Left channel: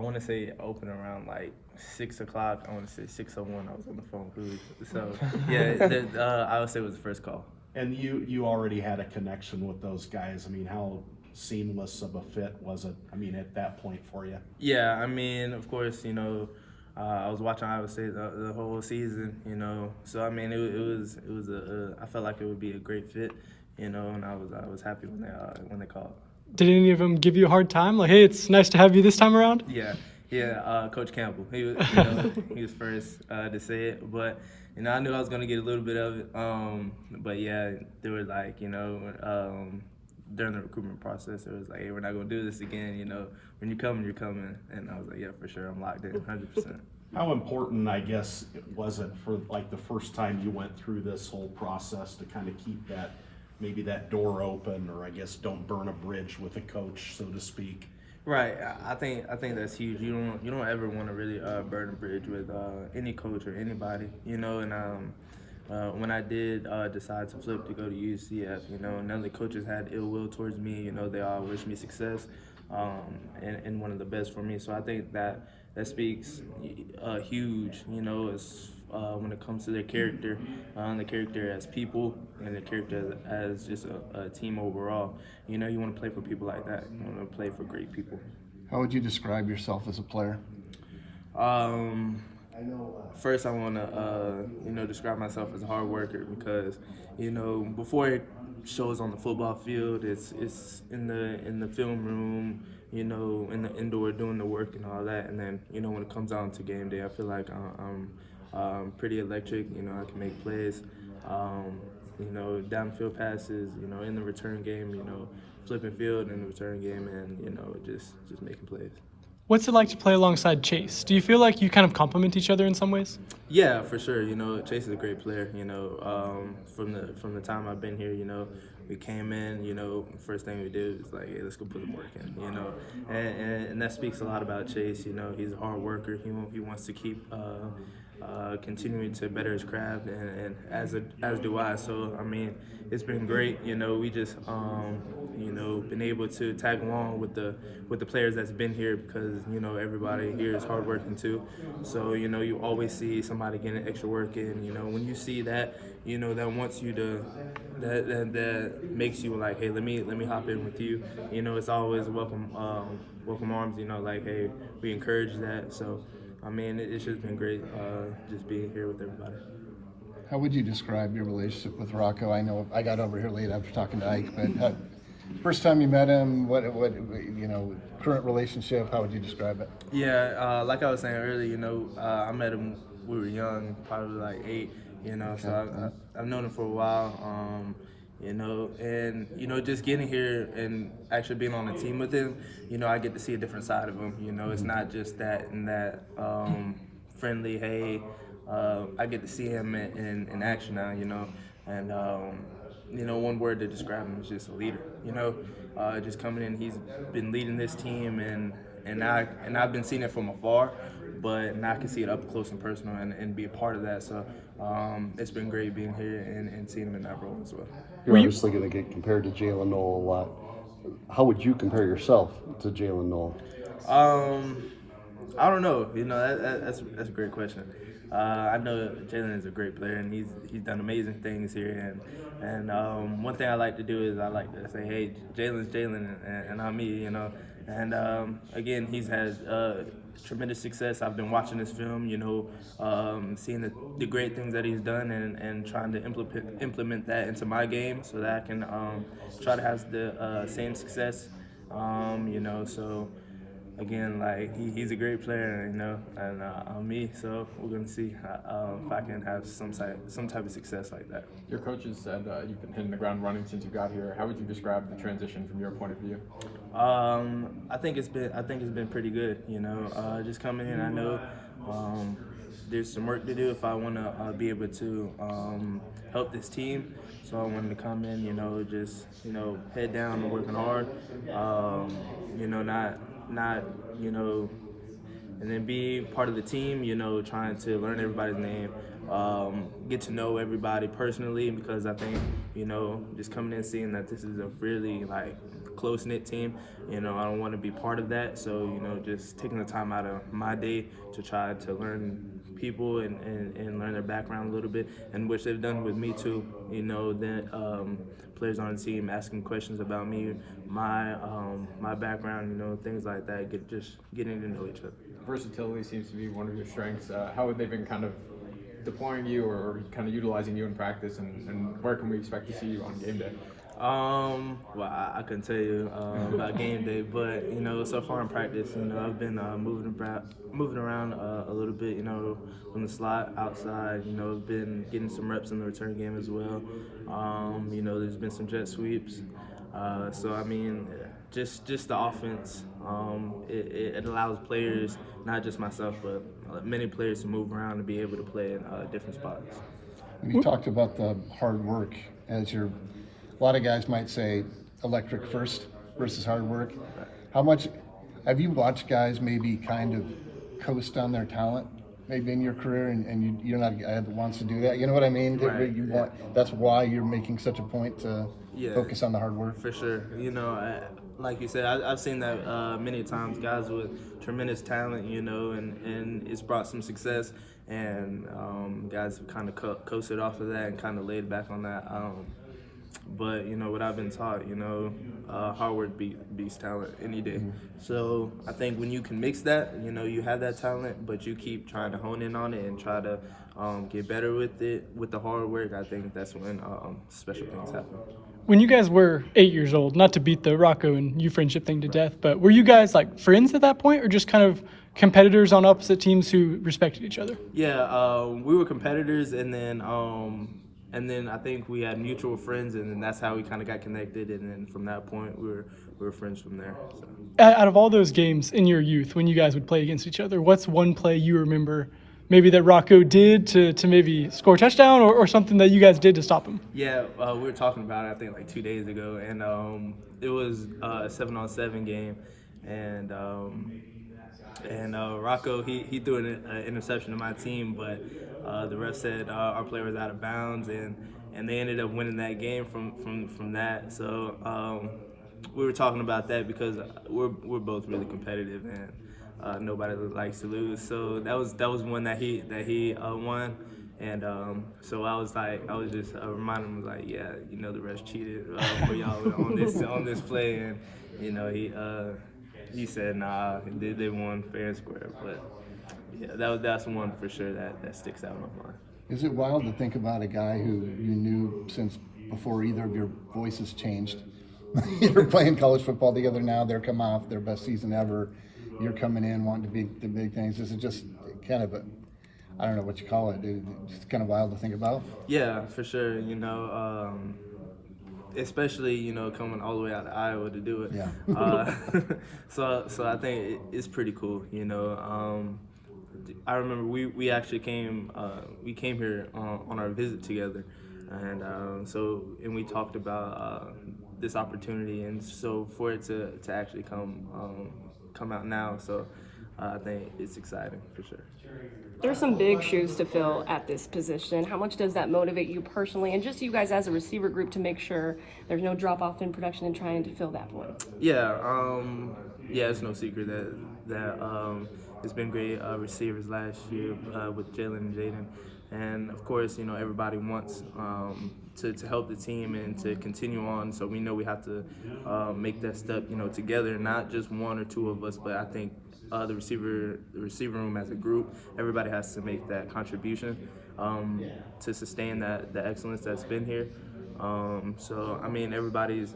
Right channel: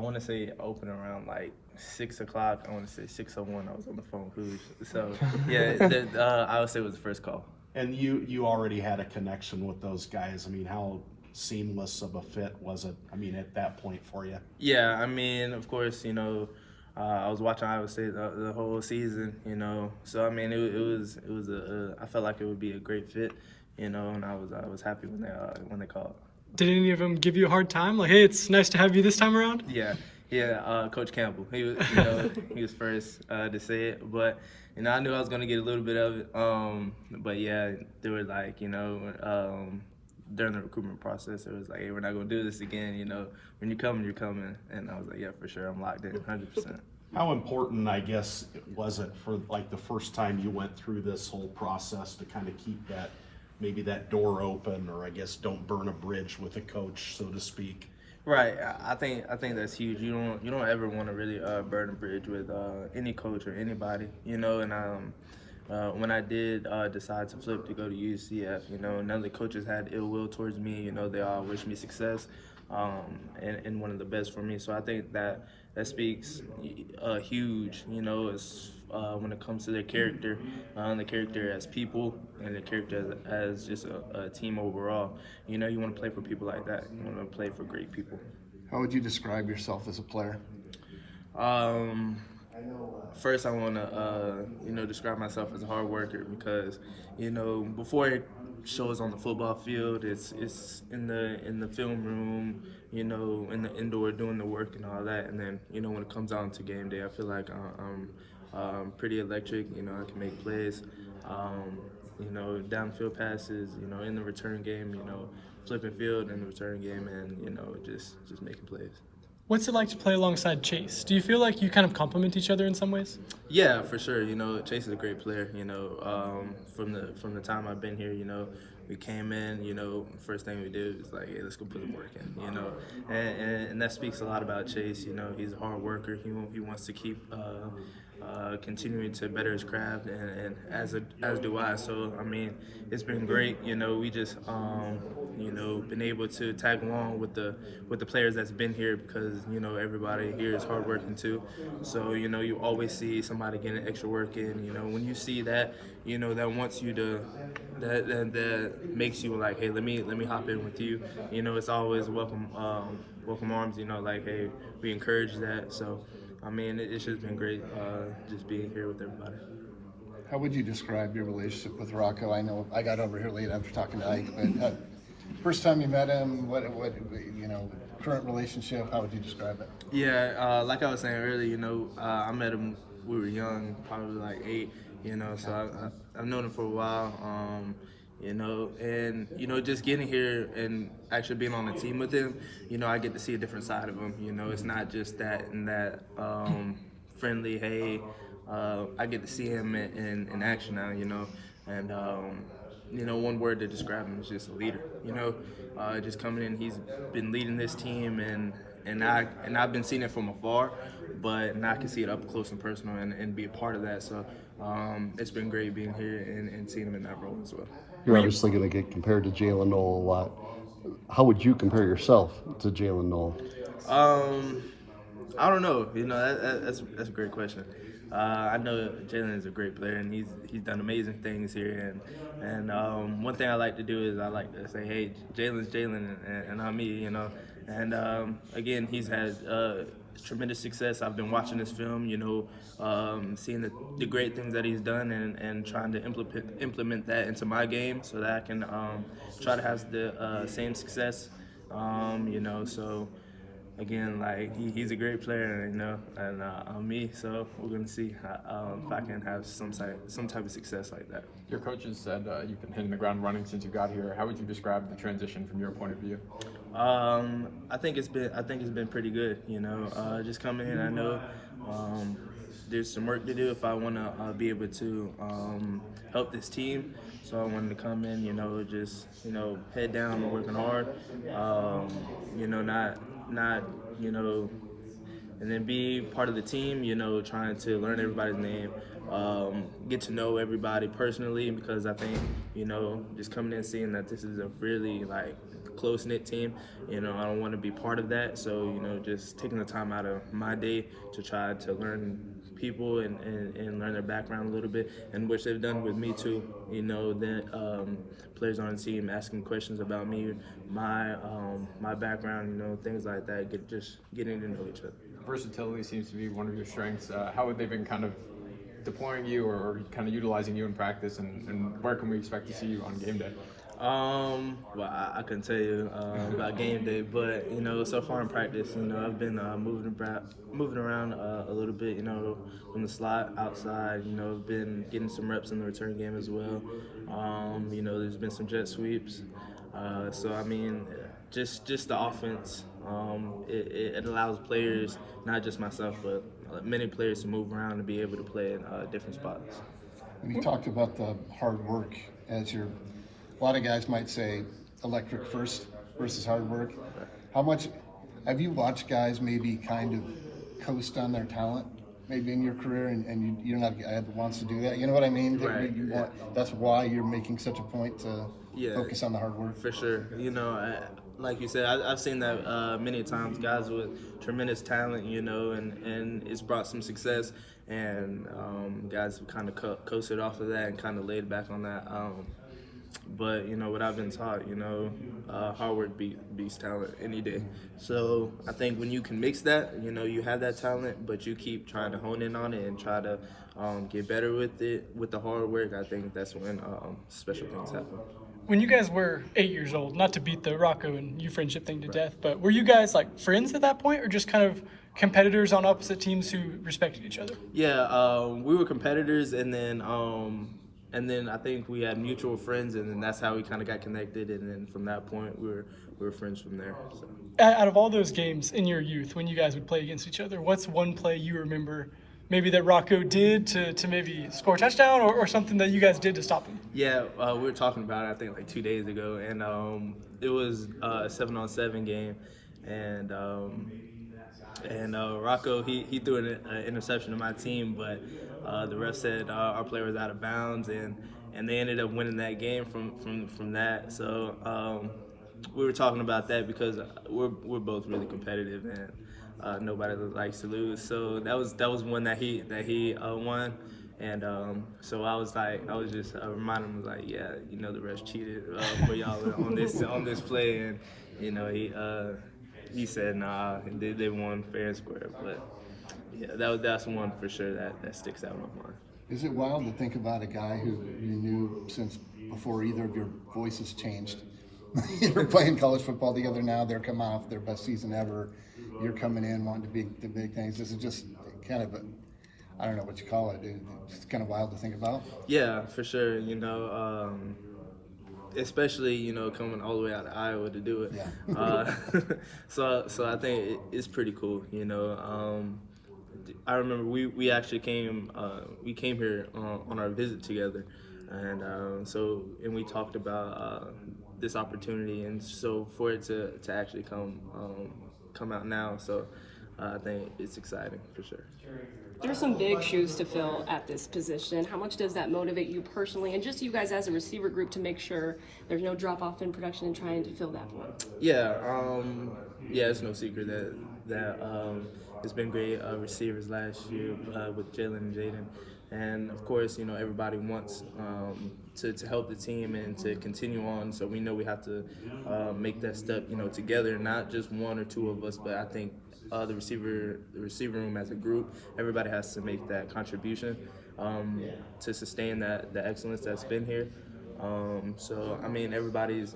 I want to say open around like 6 o'clock. I want to say 6:01. I was on the phone with Coolidge. So yeah, I would say it was the first call. And you already had a connection with those guys. I mean, how seamless of a fit was it? I mean, at that point for you? Yeah, I mean, of course, I was watching Iowa State the whole season, So I mean, I felt like it would be a great fit, and I was happy when they called. Did any of them give you a hard time? Like, hey, it's nice to have you this time around? Yeah, Coach Campbell. He was, he was first to say it, but I knew I was gonna get a little bit of it. But yeah, they were like, during the recruitment process, it was like, hey, we're not gonna do this again. When you're coming, you're coming, and I was like, yeah, for sure, I'm locked in, 100%. How important, I guess, was it for like the first time you went through this whole process to kind of keep that door open, or I guess don't burn a bridge with a coach, so to speak? Right, I think that's huge. You don't ever want to really burn a bridge with any coach or anybody, And when I did decide to flip to go to UCF, none of the coaches had ill will towards me. They all wished me success, and one of the best for me. So I think that speaks huge, when it comes to their character, the character as people, and the character as just a team overall. You want to play for people like that. You want to play for great people. How would you describe yourself as a player? First, I want to, describe myself as a hard worker because, before it shows on the football field, it's in the film room, in the indoor doing the work and all that. And then, when it comes out to game day, I feel like I'm pretty electric. I can make plays, downfield passes, in the return game, flipping field in the return game, and, just making plays. What's it like to play alongside Chase? Do you feel like you kind of complement each other in some ways? Yeah, for sure. Chase is a great player. From the time I've been here, we came in. First thing we did was like, hey, let's go put the work in. And that speaks a lot about Chase. He's a hard worker. He wants to keep continuing to better his craft, and as do I. So I mean, it's been great. We just been able to tag along with the players that's been here because everybody here is hardworking too. So you always see somebody getting extra work in. When you see that, that wants you to that makes you like, hey, let me hop in with you. It's always welcome arms. Like, hey, we encourage that. So I mean, it's just been great just being here with everybody. How would you describe your relationship with Rocco? I know I got over here late after talking to Ike, but first time you met him, what current relationship? How would you describe it? Yeah, like I was saying earlier, I met him. We were young, probably like 8. So I've known him for a while. And just getting here and actually being on the team with him, I get to see a different side of him. It's not just that friendly, hey, I get to see him in action now, and one word to describe him is just a leader. Just coming in, he's been leading this team, and I've been seeing it from afar, but now I can see it up close and personal and be a part of that. So it's been great being here and seeing him in that role as well. You're obviously going to get compared to Jalen Noel a lot. How would you compare yourself to Jalen Noel? I don't know. That's a great question. I know Jalen is a great player, and he's done amazing things here. And one thing I like to do is I like to say, hey, Jalen's Jalen, and I'm me. And again, he's had tremendous success. I've been watching this film, seeing the great things that he's done, and trying to implement that into my game so that I can try to have the same success. So again, like he's a great player, and I'm me. So we're gonna see if I can have some type of success like that. Your coaches said you've been hitting the ground running since you got here. How would you describe the transition from your point of view? I think it's been pretty good. Just coming in, I know there's some work to do if I want to be able to help this team. So I wanted to come in, just head down and working hard. Not and then be part of the team. Trying to learn everybody's name, get to know everybody personally, because I think, you know, just coming in seeing that this is a really like close-knit team, you know, I don't want to be part of that. So, you know, just taking the time out of my day to try to learn people and learn their background a little bit, and which they've done with me too. You know, that players on the team asking questions about me, my background, you know, things like that. Just getting to know each other. Versatility seems to be one of your strengths. How have they been kind of deploying you or kind of utilizing you in practice, and where can we expect to see you on game day? Well, I couldn't tell you about game day, but you know, so far in practice, you know, I've been moving around a little bit, you know, from the slot outside. You know, I've been getting some reps in the return game as well. You know, there's been some jet sweeps. So I mean, just the offense. It allows players, not just myself, but many players to move around and be able to play in different spots. You talked about the hard work as your. A lot of guys might say electric first versus hard work. How much have you watched guys maybe kind of coast on their talent, maybe in your career, and you're not a guy that wants to do that? You know what I mean? Right. That's why you're making such a point to focus on the hard work. For sure. You know, like you said, I've seen that many times. Guys with tremendous talent, you know, and it's brought some success, and guys have kind of coasted off of that and kind of laid back on that. But, you know, what I've been taught, you know, hard work beats talent any day. So I think when you can mix that, you know, you have that talent, but you keep trying to hone in on it and try to get better with it, with the hard work, I think that's when special things happen. When you guys were 8 years old, not to beat the Rocco and you friendship thing to death, but were you guys like friends at that point, or just kind of competitors on opposite teams who respected each other? Yeah, we were competitors, and then I think we had mutual friends, and then that's how we kind of got connected. And then from that point, we were friends from there. So. Out of all those games in your youth, when you guys would play against each other, what's one play you remember maybe that Rocco did to maybe score a touchdown, or something that you guys did to stop him? Yeah, we were talking about it, I think, like 2 days ago, and it was a 7-on-7 game, and Rocco, he threw an interception to my team, but the ref said our player was out of bounds, and they ended up winning that game from that. So we were talking about that because we're both really competitive, and nobody likes to lose. So that was one that he won, and so I was just reminding him, like, yeah, you know, the refs cheated for y'all on this play, and you know, he said, nah, they won fair and square. But yeah, that's one for sure that sticks out in my mind. Is it wild to think about a guy who you knew since before either of your voices changed? You're playing college football together now. They're coming off their best season ever. You're coming in wanting to be the big things. This is just kind of I don't know what you call it. It's kind of wild to think about. Yeah, for sure. You know, especially, you know, coming all the way out of Iowa to do it. Yeah. So I think it's pretty cool. You know, I remember we actually came here on our visit together, and we talked about this opportunity, and so for it to actually come out now, so I think it's exciting for sure. There's some big shoes to fill at this position. How much does that motivate you personally, and just you guys as a receiver group, to make sure there's no drop off in production and trying to fill that point? Yeah, it's no secret that it's been great receivers last year with Jalen and Jaden, and of course, you know, everybody wants to help the team and to continue on. So we know we have to make that step, you know, together, not just one or two of us, but I think the receiver room as a group, everybody has to make that contribution to sustain the excellence that's been here. So I mean, everybody's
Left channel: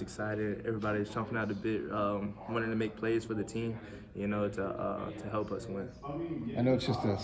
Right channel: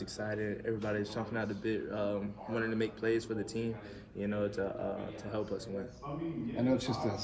excited. Everybody's chomping out the bit, wanting to make plays for the team, you know, to help us win. I know it's just a